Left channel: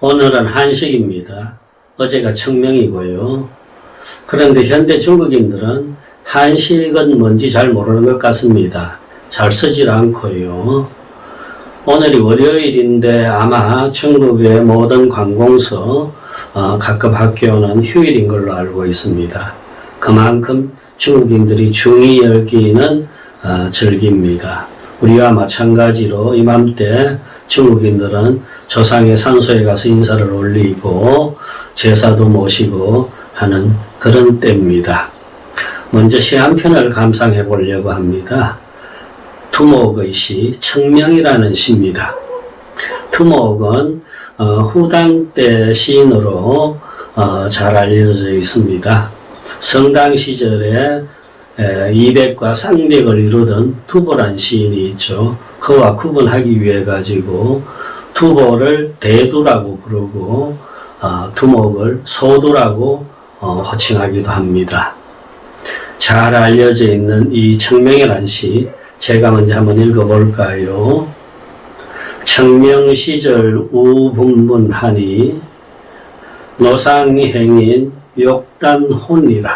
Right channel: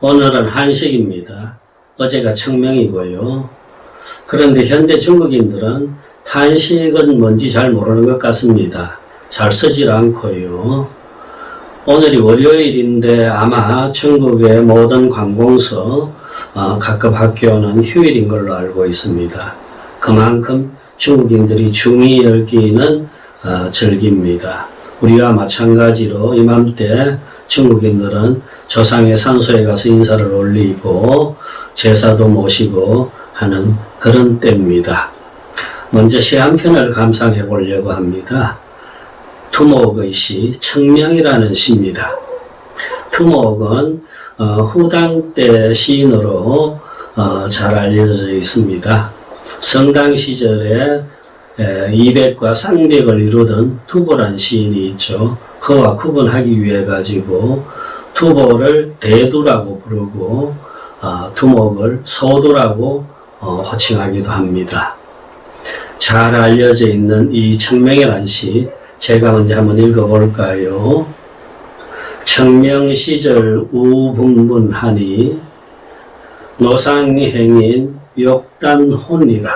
오늘은 한식입니다. 어제가 청명이고요. 그런데 현대 중국인들은 한식은 뭔지 잘 모르는 것 같습니다. 잘 쓰질 않고요. 오늘이 월요일인데 아마 중국의 모든 관공서 각급 학교는 휴일인 걸로 알고 있습니다. 그만큼 중국인들이 중히 여기는 절기입니다. 우리와 마찬가지로 이맘때 중국인들은 조상의 산소에 가서 인사를 올리고 제사도 모시고 하는 그런 때입니다. 먼저 시 한 편을 감상해 보려고 합니다. 투목의 시 청명이라는 시입니다. 투목은 후당 때 시인으로 잘 알려져 있습니다. 성당 시절에 이백과 쌍백을 이루던 투보란 시인이 있죠. 그와 구분하기 위해 가지고 투보를 대두라고 부르고 투목을 소두라고 호칭하기도 합니다. 잘 알려져 있는 이 청명이라는 시 제가 먼저 한번 읽어볼까요? 청명시절 우분분하니 노상행인 욕단혼이라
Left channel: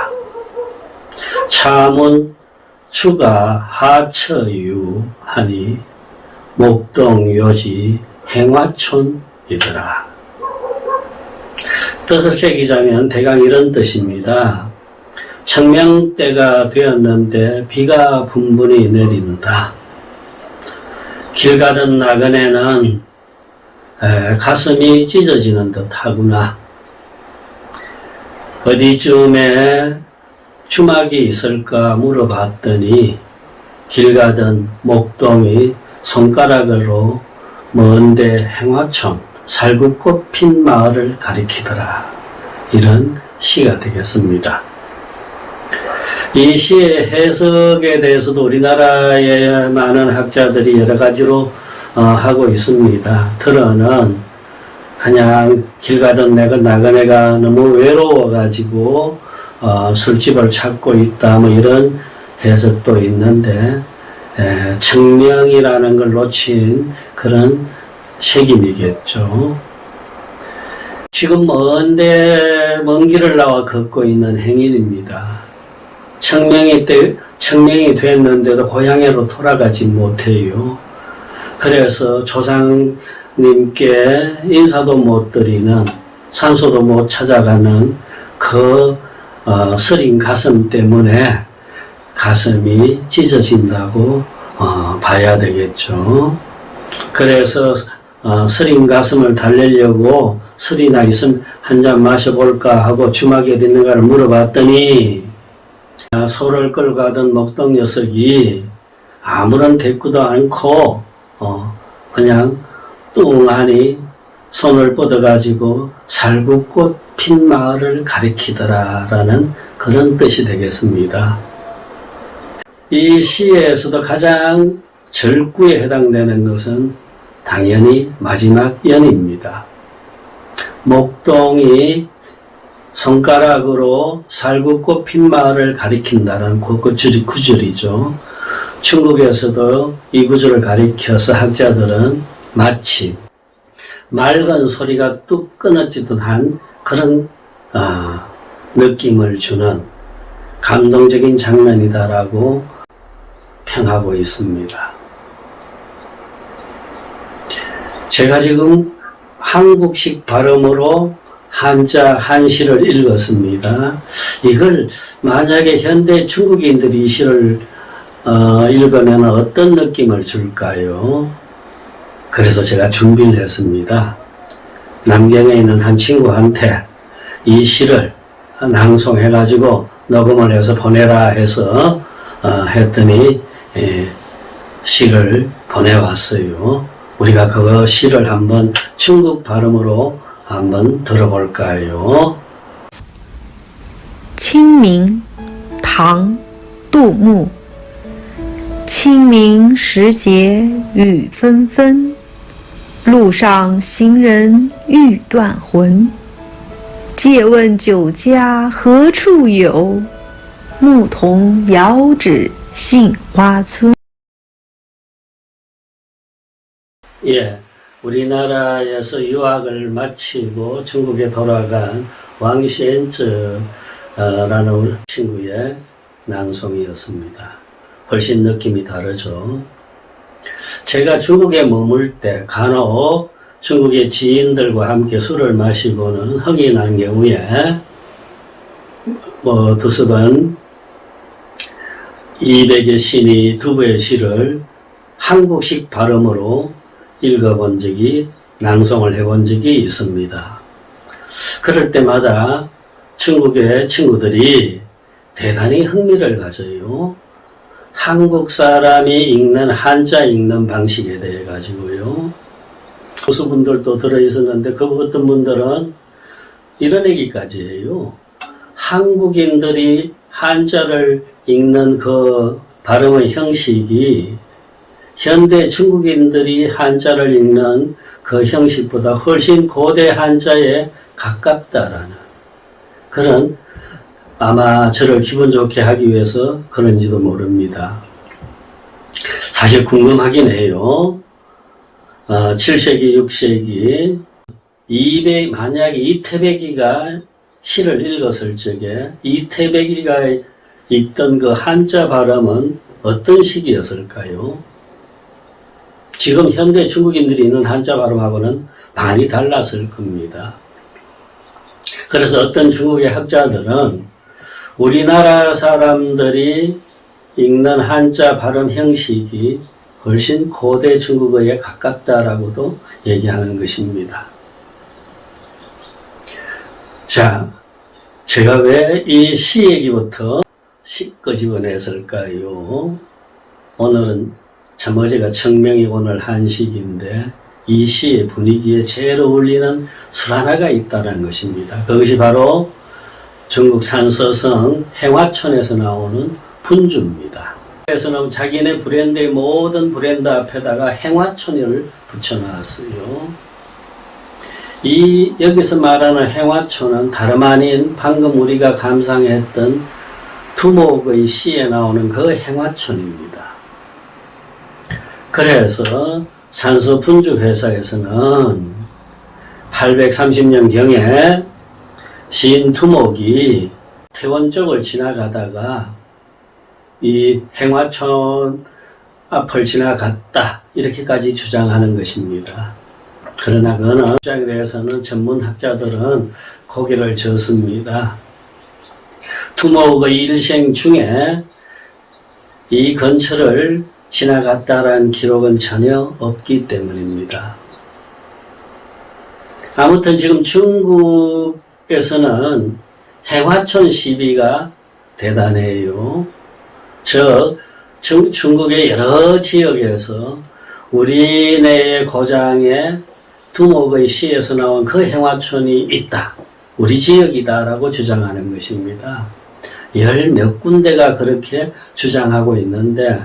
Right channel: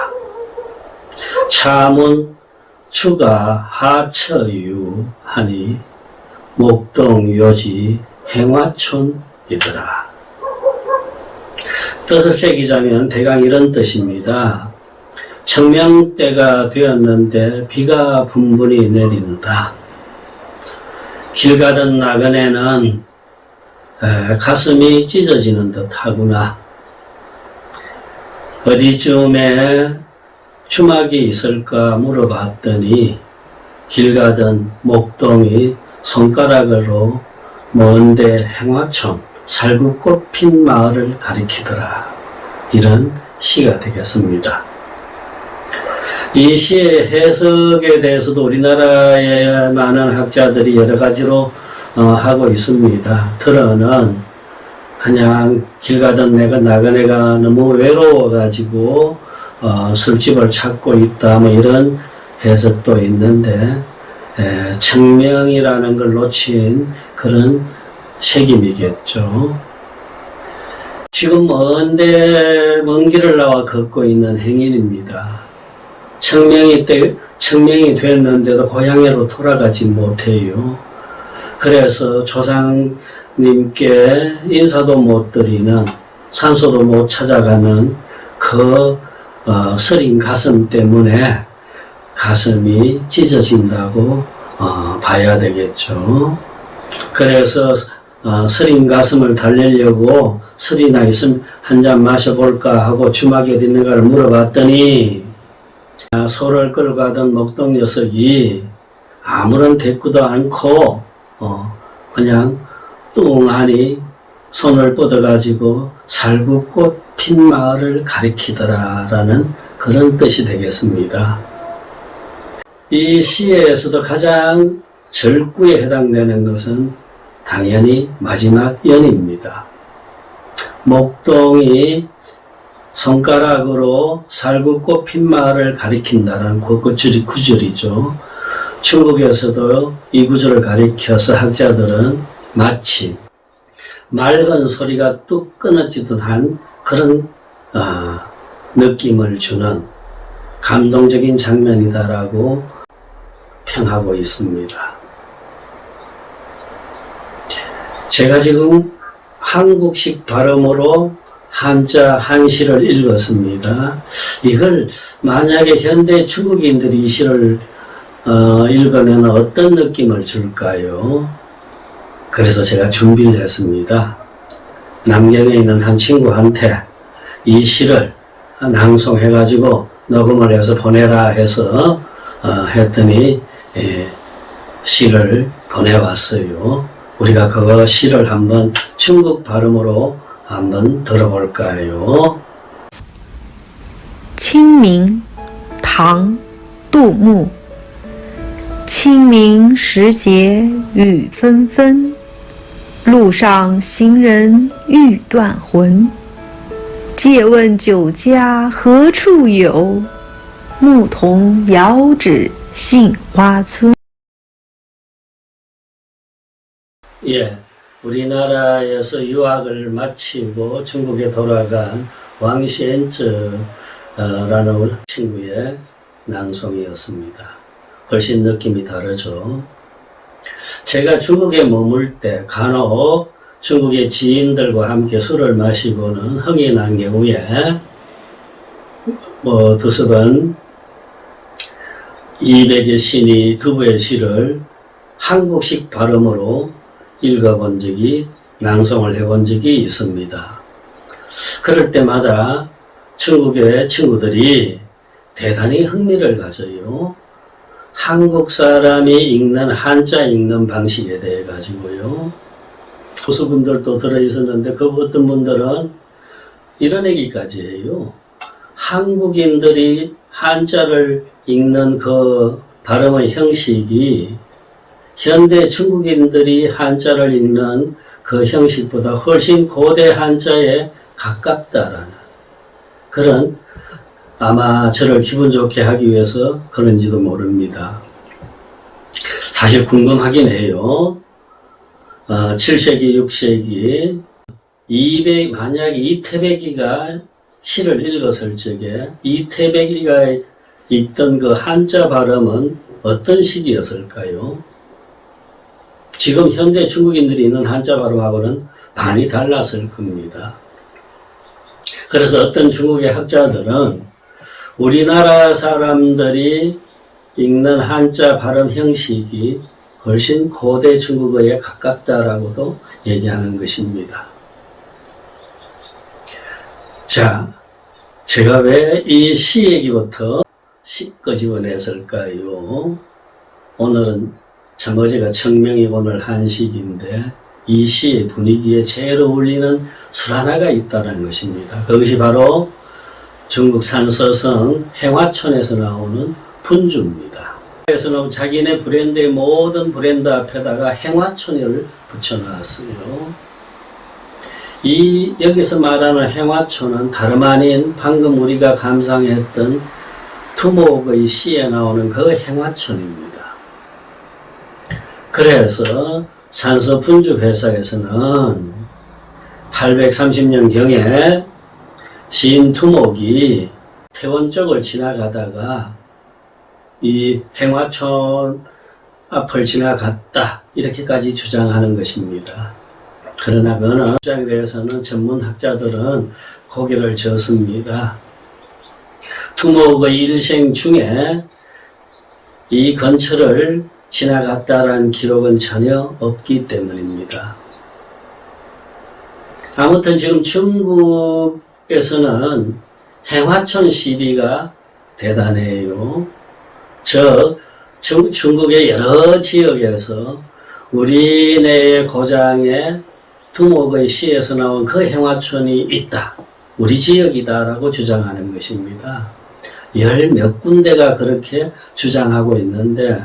차문 추가 하처유 하니 목동요지 행화촌이더라. 뜻을 새기자면 대강 이런 뜻입니다. 청명때가 되었는데 비가 분분히 내린다. 길 가던 나그네는 가슴이 찢어지는 듯 하구나. 어디쯤에 주막이 있을까 물어봤더니 길 가던 목동이 손가락으로 먼데 행화촌 살구꽃 핀 마을을 가리키더라. 이런 시가 되겠습니다. 이 시의 해석에 대해서도 우리나라의 많은 학자들이 여러 가지로 하고 있습니다. 들어는 그냥 길 가던 나그네가 너무 외로워가지고 술집을 찾고 있다 뭐 이런 해석도 있는데 청명이라는 걸 놓친 그런 색임이겠죠. 지금 먼 길을 나와 걷고 있는 행인입니다. 청명이 됐는데도 고향으로 돌아가지 못해요. 그래서 조상님께 인사도 못 드리는, 산소도 못 찾아가는 그 쓰린 가슴 때문에 가슴이 찢어진다고 봐야 되겠죠. 그래서 쓰린 가슴을 달래려고 술이나 있으면 한 잔 마셔볼까 하고 주막에 어디 있는가를 물어봤더니 소를 끌고 가던 목동 녀석이 아무런 대꾸도 않고 그냥 뚱하니 손을 뻗어가지고 살구꽃 핀 마을을 가리키더라 라는 그런 뜻이 되겠습니다. 이 시에서도 가장 절구에 해당되는 것은 당연히 마지막 연입니다. 목동이 손가락으로 살구꽃 핀 마을을 가리킨다는 그 구절이죠. 중국에서도 이 구절을 가리켜서 학자들은 마침 맑은 소리가 뚝 끊어지듯 한 그런 느낌을 주는 감동적인 장면이다라고 평하고 있습니다. 제가 지금 한국식 발음으로 한자 한시를 읽었습니다. 이걸 만약에 현대 중국인들이 이 시를 읽으면 어떤 느낌을 줄까요? 그래서 제가 준비를 했습니다. 남경에 있는 한 친구한테 이 시를 낭송해가지고 녹음을 해서 보내라 해서 했더니 시를 보내왔어요. 우리가 그 시를 한번 중국 발음으로 한번 들어볼까요? 清明，唐，杜牧。清明时节雨纷纷，路上行人欲断魂。借问酒家何处有？牧童遥指杏花村。 예, 우리나라에서 유학을 마치고 중국에 돌아간 왕시엔즈라는 친구의 낭송이었습니다. 훨씬 느낌이 다르죠. 제가 중국에 머물 때 간혹 중국의 지인들과 함께 술을 마시고는 흥이 난 경우에 두세 번 200의 시니 두부의 시를 한국식 발음으로 읽어본 적이, 낭송을 해본 적이 있습니다. 그럴 때마다 중국의 친구들이 대단히 흥미를 가져요. 한국 사람이 읽는 한자 읽는 방식에 대해 가지고요. 교수분들도 들어있었는데 그 어떤 분들은 이런 얘기까지 해요. 한국인들이 한자를 읽는 그 발음의 형식이 현대 중국인들이 한자를 읽는 그 형식보다 훨씬 고대 한자에 가깝다라는 그런, 아마 저를 기분 좋게 하기 위해서 그런지도 모릅니다. 사실 궁금하긴 해요. 7세기, 6세기 만약에 이태백이가 시를 읽었을 적에 이태백이가 읽던 그 한자 발음은 어떤 식이었을까요? 지금 현대 중국인들이 있는 한자 발음하고는 많이 달랐을 겁니다. 그래서 어떤 중국의 학자들은 우리나라 사람들이 읽는 한자 발음 형식이 훨씬 고대 중국어에 가깝다라고도 얘기하는 것입니다. 자, 제가 왜 이 시 얘기부터 끄집어냈을까요? 오늘은 참 어제가 청명이 오늘 한식인데 이 시의 분위기에 제일 어울리는 술 하나가 있다는 것입니다. 그것이 바로 중국 산서성 행화촌에서 나오는 분주입니다. 그래서는 자기네 브랜드의 모든 브랜드 앞에다가 행화촌을 붙여놨어요. 여기서 말하는 행화촌은 다름 아닌 방금 우리가 감상했던 두목의 시에 나오는 그 행화촌입니다. 그래서 산서 분주 회사에서는 830년경에 시인 두목이 태원 쪽을 지나가다가 이 행화촌 앞을 지나갔다 이렇게까지 주장하는 것입니다. 그러나 그는 주장에 대해서는 전문학자들은 고개를 젓습니다. 두목의 일생 중에 이 근처를 지나갔다라는 기록은 전혀 없기 때문입니다. 아무튼 지금 중국에서는 행화촌 시비가 대단해요. 중국의 여러 지역에서 우리네 고장에 두목의 시에서 나온 그 행화촌이 있다. 우리 지역이다 라고 주장하는 것입니다. 몇 군데가 그렇게 주장하고 있는데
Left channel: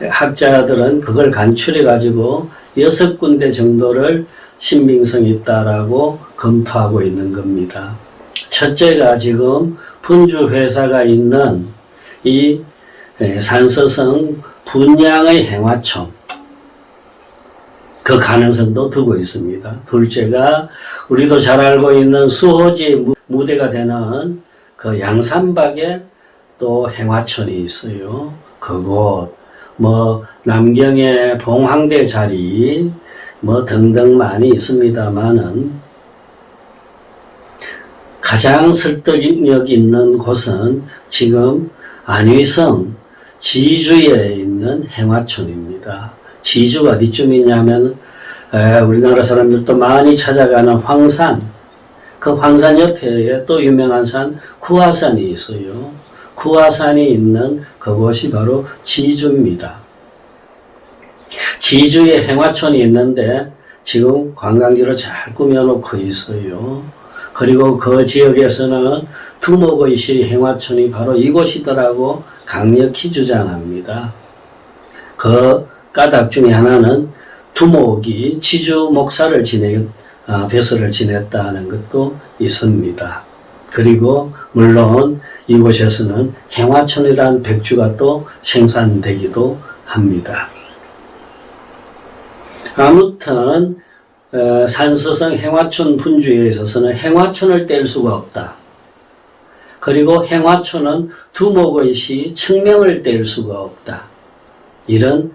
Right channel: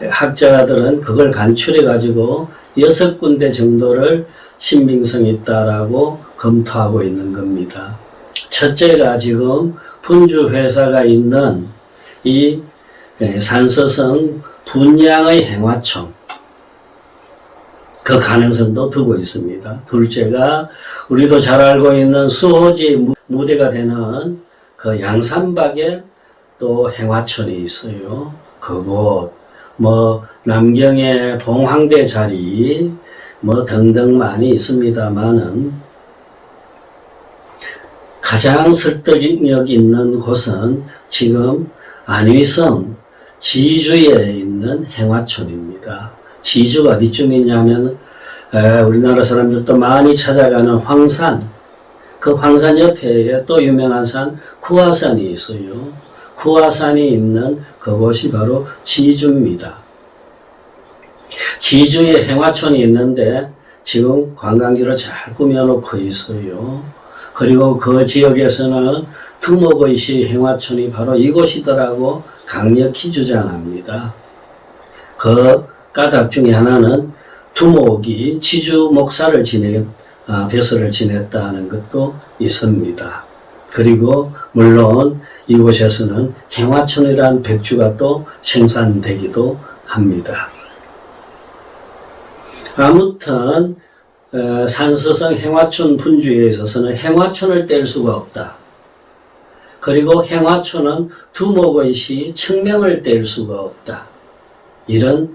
학자들은 그걸 간추려 가지고 6군데 정도를 신빙성이 있다라고 검토하고 있는 겁니다. 첫째가 지금 분주 회사가 있는 이 산서성 분양의 행화촌, 그 가능성도 두고 있습니다. 둘째가 우리도 잘 알고 있는 수호지의 무대가 되는 그 양산박에 또 행화촌이 있어요. 그곳 남경의 봉황대 자리 등등 많이 있습니다만은 가장 설득력 있는 곳은 지금 안위성 지주에 있는 행화촌입니다. 지주가 어디쯤 있냐면 우리나라 사람들도 많이 찾아가는 황산, 그 황산 옆에 또 유명한 산 구화산이 있어요. 구화산이 있는 그곳이 바로 지주입니다. 지주에 행화촌이 있는데 지금 관광지로 잘 꾸며놓고 있어요. 그리고 그 지역에서는 두목의 시 행화촌이 바로 이곳이더라고 강력히 주장합니다. 그 까닭 중에 하나는 두목이 지주 목사를 벼슬을 지냈다는 것도 있습니다. 그리고 물론 이곳에서는 행화촌이라는 백주가 또 생산되기도 합니다. 아무튼 산서성 행화촌 분주에 있어서는 행화촌을 뗄 수가 없다. 그리고 행화촌은 두목의 시 청명을 뗄 수가 없다. 이런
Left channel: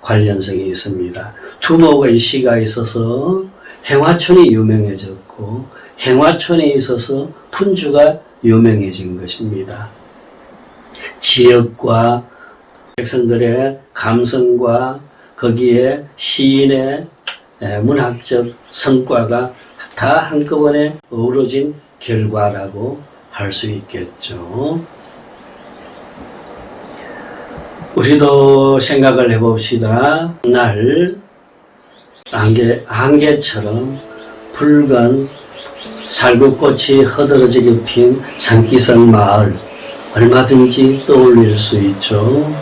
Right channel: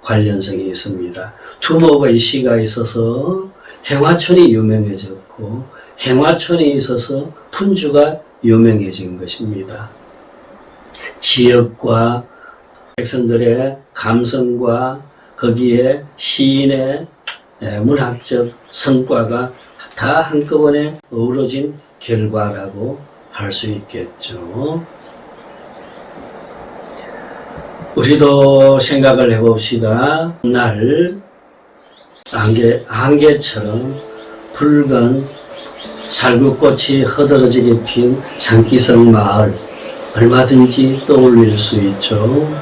관련성이 있습니다. 두목의 시가 있어서 행화촌이 유명해졌고 행화촌에 있어서 분주가 유명해진 것입니다. 지역과 백성들의 감성과 거기에 시인의 문학적 성과가 다 한꺼번에 어우러진 결과라고 할 수 있겠죠. 우리도 생각을 해봅시다. 날 안개처럼 붉은 살구꽃이 허드러지게 핀 산기성 마을 얼마든지 떠올릴 수 있죠.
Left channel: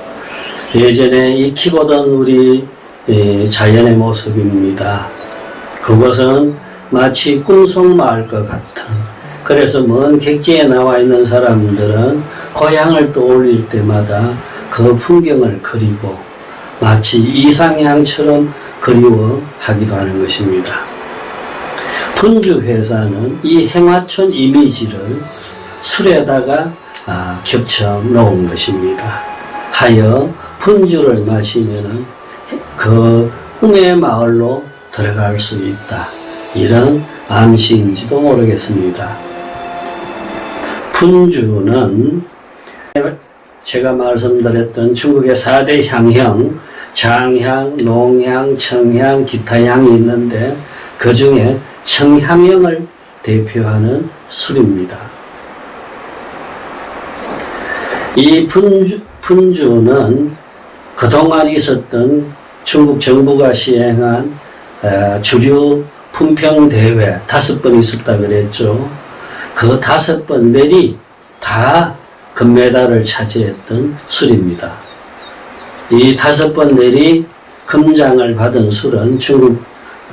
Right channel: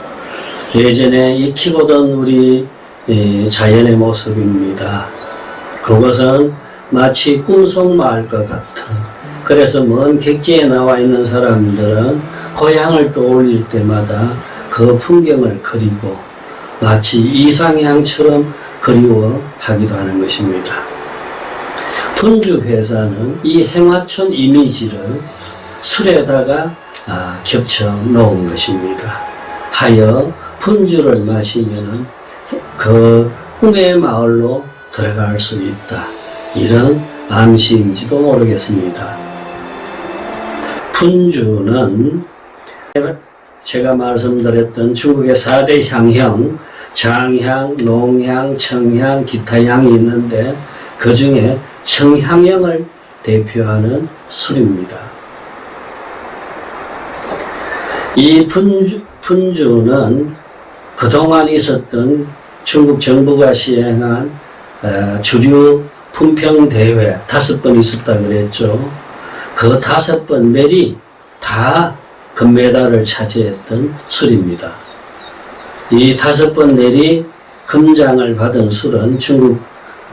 예전에 익히보던 우리 자연의 모습입니다. 그것은 마치 꿈속마을과 같은, 그래서 먼 객지에 나와 있는 사람들은 고향을 떠올릴 때마다 그 풍경을 그리고 마치 이상향처럼 그리워하기도 하는 것입니다. 분주 회사는 이 행화촌 이미지를 술에다가 겹쳐 놓은 것입니다. 하여 분주를 마시면은 그 꿈의 마을로 들어갈 수 있다. 이런 암시인지도 모르겠습니다. 분주는 제가 말씀드렸던 중국의 4대 향형, 장향, 농향, 청향, 기타향이 있는데 그 중에 청향형을 대표하는 술입니다. 이 분주는 그동안 있었던 중국 정부가 시행한 주류 품평대회 5번 있었다 그랬죠. 그 5번 내리 다 금메달을 차지했던 술입니다. 이 5번 내리 금장을 받은 술은 중국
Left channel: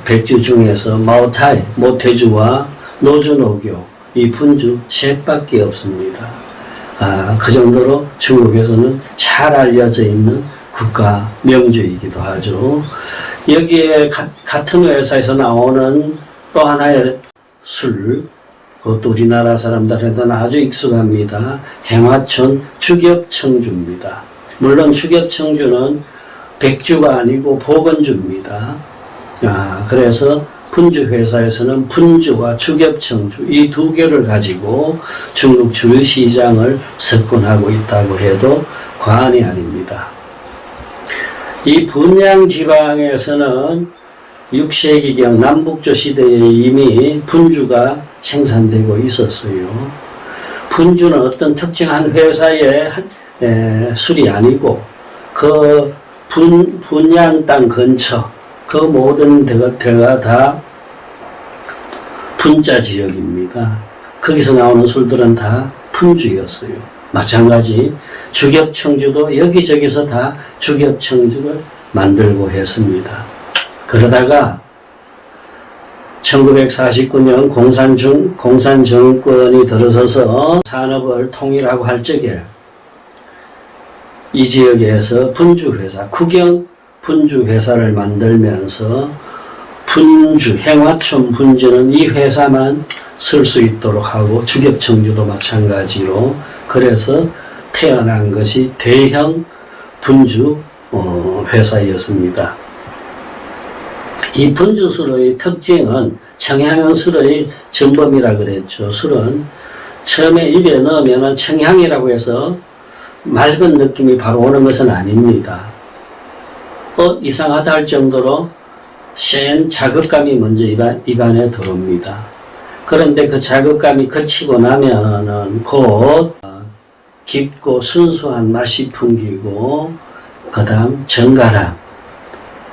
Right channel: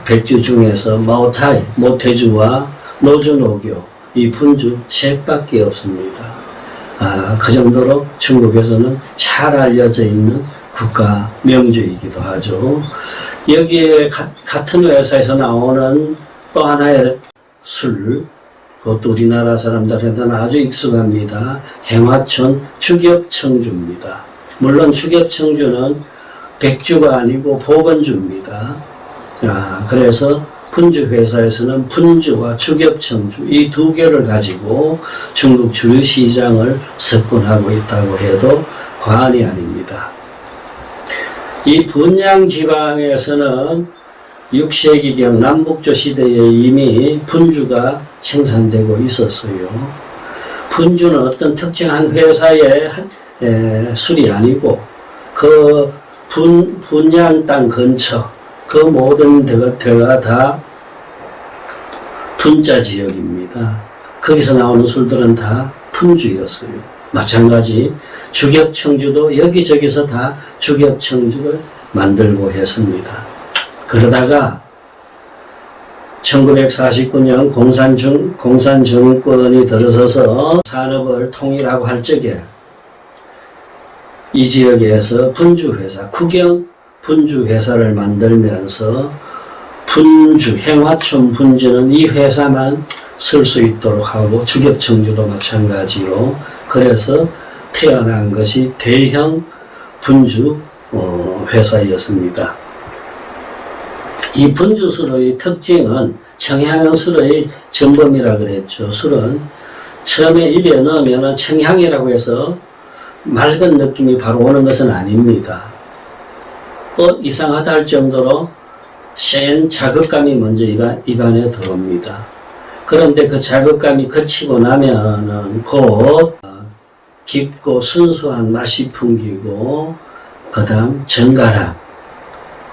백주 중에서 마오타이, 모태주와 노주노교, 이 분주 셋밖에 없습니다. 그 정도로 중국에서는 잘 알려져 있는 국가 명주이기도 하죠. 여기에 같은 회사에서 나오는 또 하나의 술, 그것도 우리나라 사람들한테는 아주 익숙합니다. 행화촌 주겹청주입니다. 물론 주겹청주는 백주가 아니고 보건주입니다. 그래서 분주 회사에서는 분주와 주겹청주 이 두 개를 가지고 중국 주류 시장을 석권하고 있다고 해도 과언이 아닙니다. 이 분양 지방에서는 6세기경 남북조 시대에 이미 분주가 생산되고 있었어요. 분주는 어떤 특정한 회사의 술이 아니고 그 분양 땅 근처 그 모든 데가 다 분자 지역입니다. 거기서 나오는 술들은 다 분주였어요. 마찬가지 주겹청주도 여기저기서 다 주겹청주를 만들고 했습니다. 그러다가 1949년 공산정권이 들어서서 산업을 통일하고 할 적에 이 지역에서 분주회사, 국영 분주회사를 만들면서 분주, 행화촌 분주는 이 회사만 쓸 수 있도록 하고 주겹청주도 마찬가지로 그래서 태어난 것이 대형 분주 회사였습니다. 이 분주술의 특징은 청향형 술의 전범이라 그랬죠. 술은 처음에 입에 넣으면 청향이라고 해서 맑은 느낌이 바로 오는 것은 아닙니다. 이상하다 할 정도로 센 자극감이 먼저 입안에 들어옵니다. 그런데 그 자극감이 그치고 나면은 곧 깊고 순수한 맛이 풍기고 그 다음 정갈한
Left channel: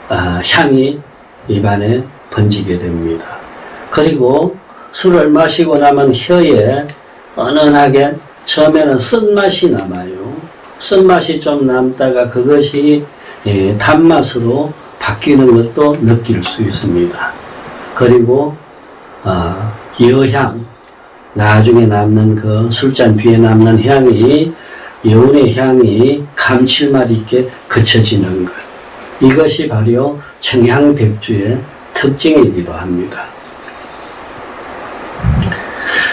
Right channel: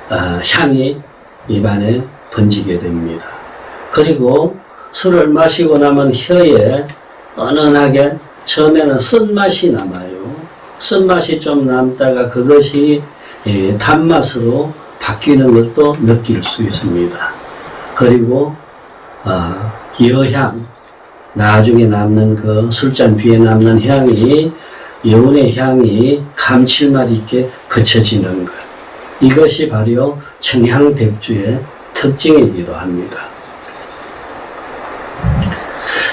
향이 입안에 번지게 됩니다. 그리고 술을 마시고 나면 혀에 은은하게 처음에는 쓴맛이 남아요. 쓴맛이 좀 남다가 그것이 단맛으로 바뀌는 것도 느낄 수 있습니다. 그리고 여향, 나중에 남는 그 술잔 뒤에 남는 향이 여운의 향이 감칠맛 있게 그쳐지는 것. 이것이 바로 청향백주의 특징이기도 합니다.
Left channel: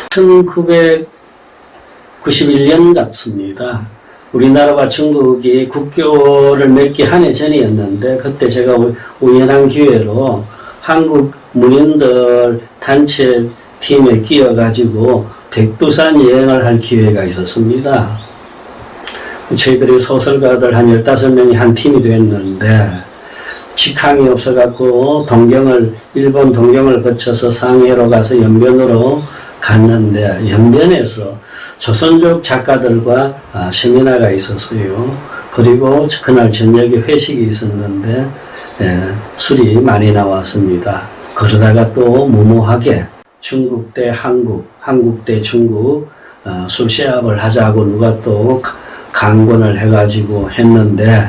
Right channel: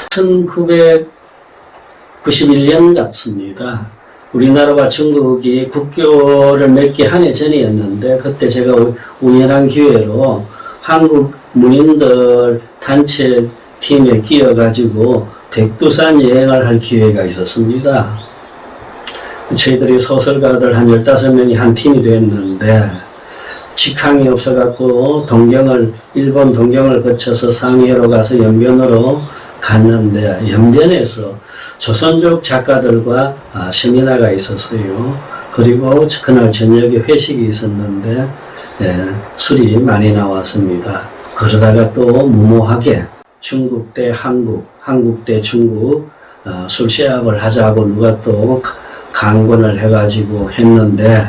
1991년 같습니다. 우리나라와 중국이 국교를 맺기 한 해 전이었는데, 그때 제가 우연한 기회로 한국 문인들 단체 팀에 끼어가지고 백두산 여행을 할 기회가 있었습니다. 저희들이 소설가들 한 15명이 한 팀이 됐는데, 직항이 없어갖고 일본 동경을 거쳐서 상해로 가서 연변으로 갔는데, 연변에서 조선족 작가들과 세미나가 있었어요. 그리고 그날 저녁에 회식이 있었는데, 술이 많이 나왔습니다. 그러다가 또 무모하게 중국 대 한국, 한국 대 중국 술 시합을 하자고 누가 또 강권을 해가지고 했는데,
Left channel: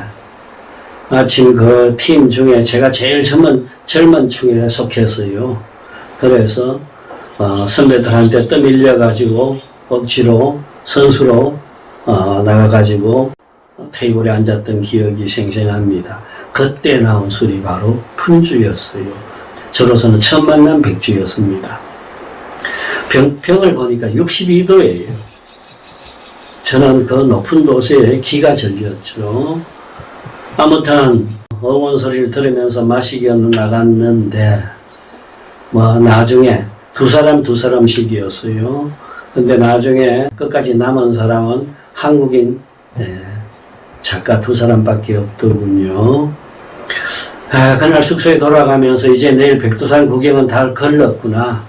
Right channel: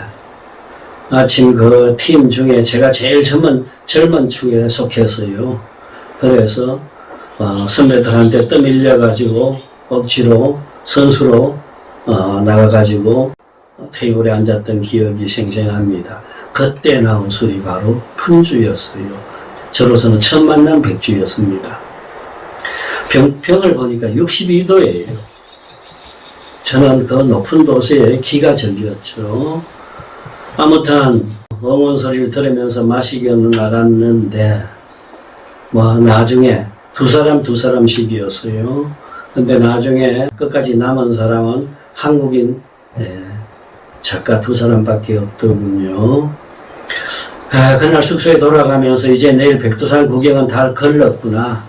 마침 그 팀 중에 제가 제일 젊은 축에 속했어요. 그래서 선배들한테 떠밀려가지고 억지로 선수로 나가가지고 테이블에 앉았던 기억이 생생합니다. 그때 나온 술이 바로 푼주였어요. 저로서는 처음 만난 백주였습니다. 병을 보니까 62도예요. 저는 그 높은 도시에 기가 절렸죠. 아무튼 어문 소리를 들으면서 마시기 나갔는데, 나중에 두 사람씩이었어요. 근데 나중에 끝까지 남은 사람은 한국인 작가 2사람밖에 없더군요. 그날 숙소에 돌아가면서 이제 내일 백두산 구경은 다 걸렀구나.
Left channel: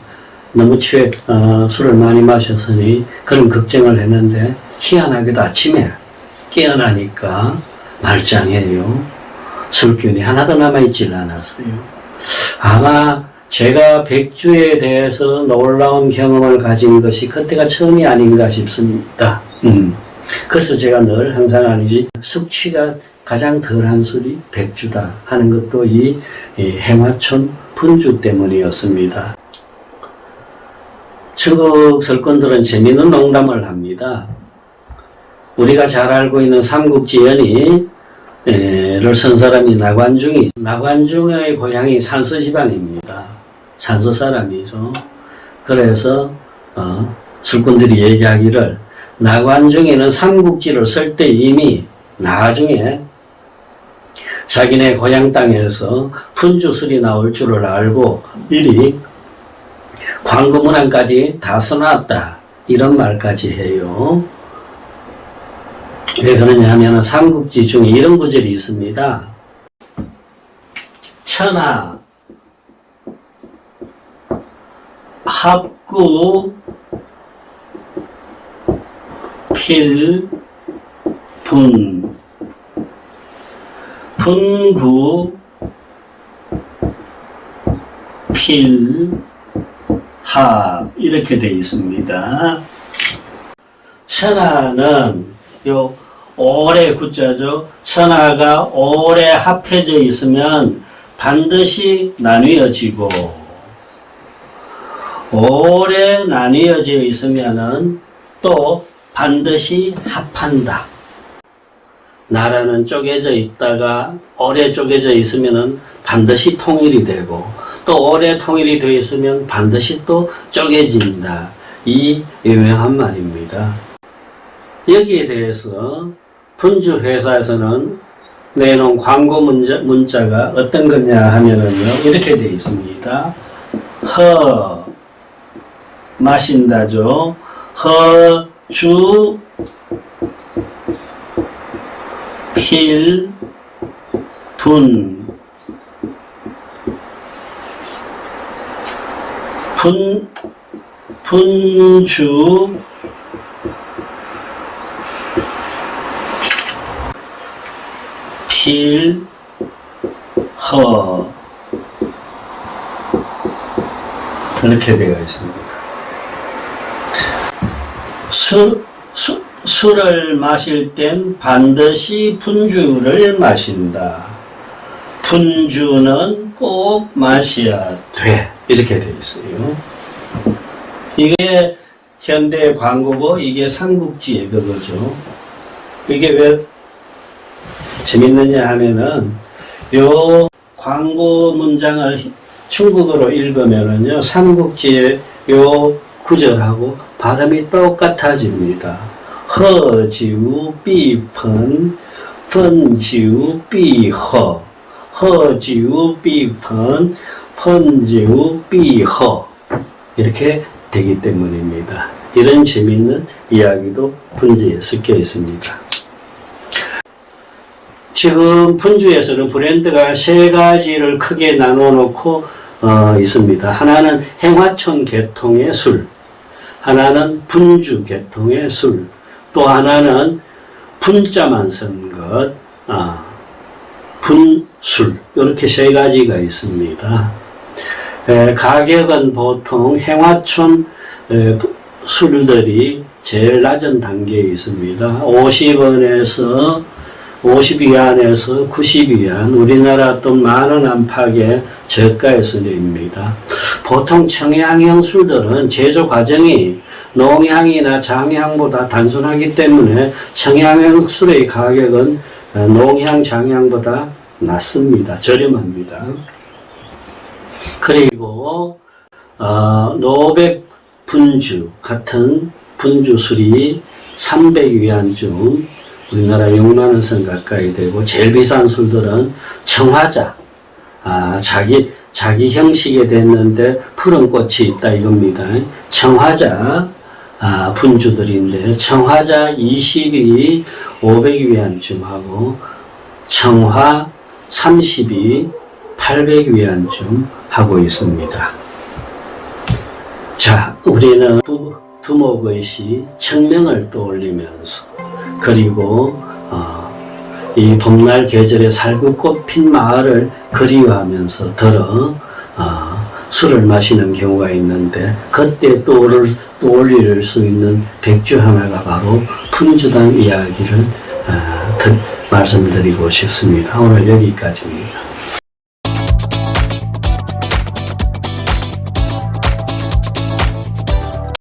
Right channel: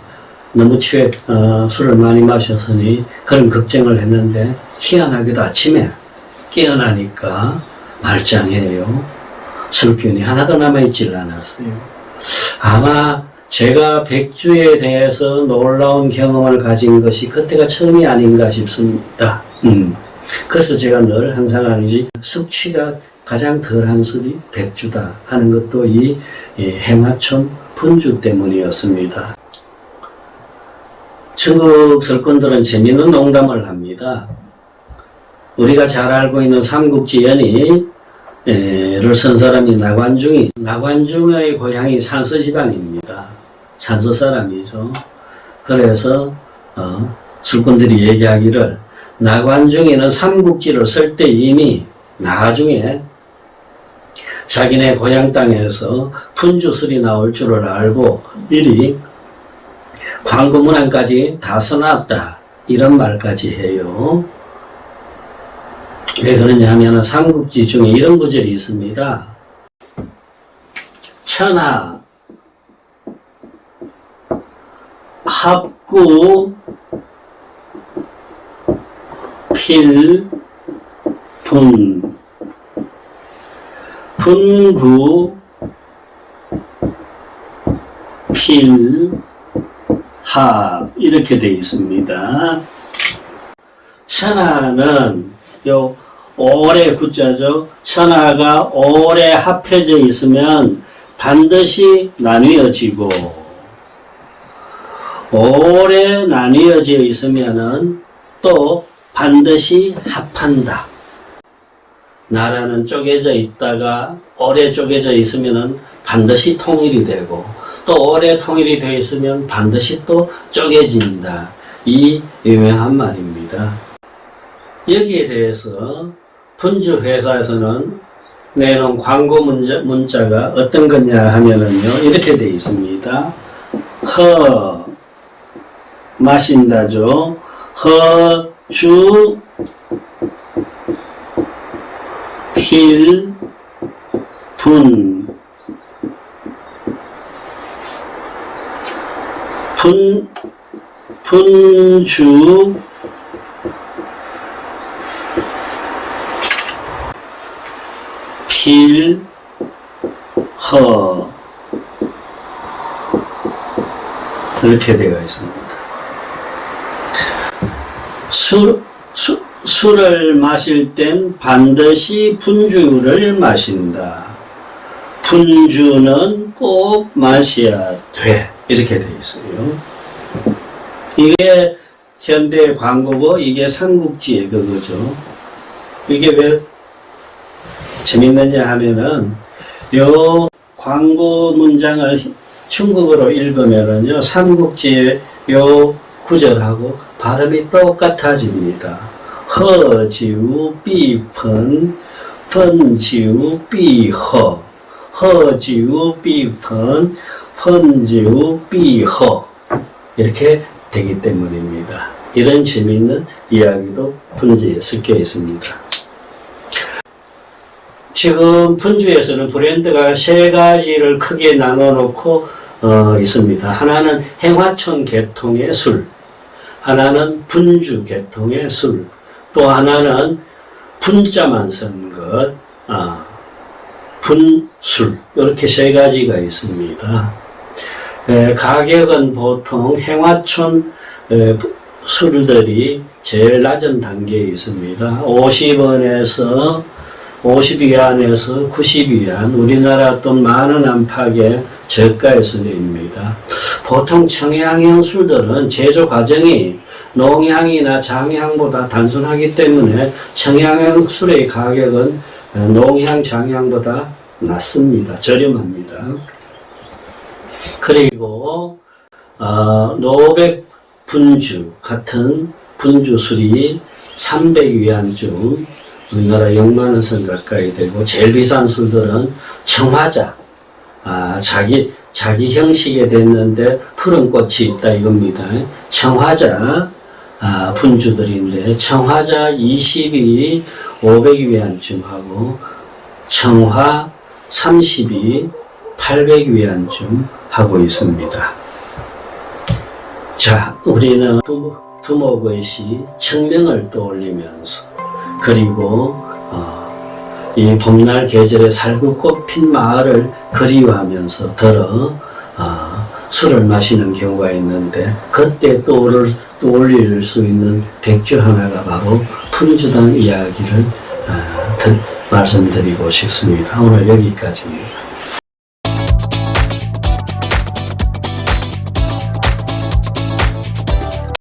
너무 술을 많이 마셨으니 그런 걱정을 했는데, 희한하게도 아침에 깨어나니까 말짱해요. 술기운이 하나도 남아있질 않았어요. 아마 제가 백주에 대해서 놀라운 경험을 가진 것이 그때가 처음이 아닌가 싶습니다. 그래서 제가 늘 항상 하는지, 숙취가 가장 덜한 술이 백주다 하는 것도 이 행화촌 푼주 때문이었습니다. 중국 설권들은 재미있는 농담을 합니다. 우리가 잘 알고 있는 삼국지연의를 쓴 사람이 나관중의 고향이 산서지방입니다. 산서 사람이죠. 그래서 술꾼들이 얘기하기를, 나관중에는 삼국지를 쓸 때 이미 나중에 자기네 고향 땅에서 푼주술이 나올 줄을 알고 미리 광고 문항까지 다 써놨다, 이런 말까지 해요. 왜 그러냐 하면 삼국지 중에 이런 구절이 있습니다. 천하 합구 필분 분구 필합, 이렇게 되어 있습니다. 천하는 요 오래 구자죠. 천하가 오래 합해져 있으면 반드시 나뉘어지고, 오래 나뉘어져 있으면은 또 반드시 합한다. 나라는 쪼개져 있다가 오래 쪼개져 있으면은 반드시 통일이 되고, 또 오래 통일이 되어 있으면 반드시 또 쪼개진다. 이 유명한 말입니다. 여기에 대해서 푼주 회사에서는 내놓은 광고 문자가 어떤 거냐 하면은요, 이렇게 되어 있습니다. 마신다죠. 허주 필분 분주 필허, 그렇게 되어 있습니다. 술을 마실 땐 반드시 분주를 마신다. 분주는 꼭 마셔야 돼. 이렇게 되어 있어요. 이게 현대 광고고, 이게 삼국지의 그거죠. 이게 왜 재밌느냐 하면은, 요 광고 문장을 중국어로 읽으면은요, 삼국지의 요 구절하고 발음이 똑같아집니다. 허지우 비펀, 펀지우 비허, 허지우 비펀, 펀지우 비허. 이렇게 되기 때문입니다. 이런 재미있는 이야기도 분주에 섞여 있습니다. 지금 분주에서는 브랜드가 세 가지를 크게 나눠 놓고 있습니다. 하나는 행화촌 계통의 술, 하나는 분주 계통의 술, 또 하나는 분자만 쓴 것, 분술, 이렇게 세 가지가 있습니다. 가격은 보통 행화촌 술들이 제일 낮은 단계에 있습니다. 50원에서 50위안에서 90위안, 우리나라 돈 10,000원 안팎의 저가의 술입니다. 보통 청양형 술들은 제조 과정이 농향이나 장향보다 단순하기 때문에 청양형 술의 가격은 농향, 장향보다 낮습니다. 저렴합니다. 그리고 노백 분주 같은 분주술이 300위안쯤, 우리나라 60,000원 선 가까이 되고, 제일 비싼 술들은 청화자, 자기 형식에 됐는데 푸른 꽃이 있다 이겁니다. 청화자 분주들인데, 청화자 20이 500위안쯤 하고, 청화 30이 800위안쯤 하고 있습니다. 자, 우리는 두목의 시 청명을 떠올리면서, 그리고 이 봄날 계절에 살구꽃 핀 마을을 그리워하면서 술을 마시는 경우가 있는데, 그때 떠올릴 수 있는 백주 하나가 바로 분주단 이야기를 말씀드리고 싶습니다. 오늘 여기까지입니다.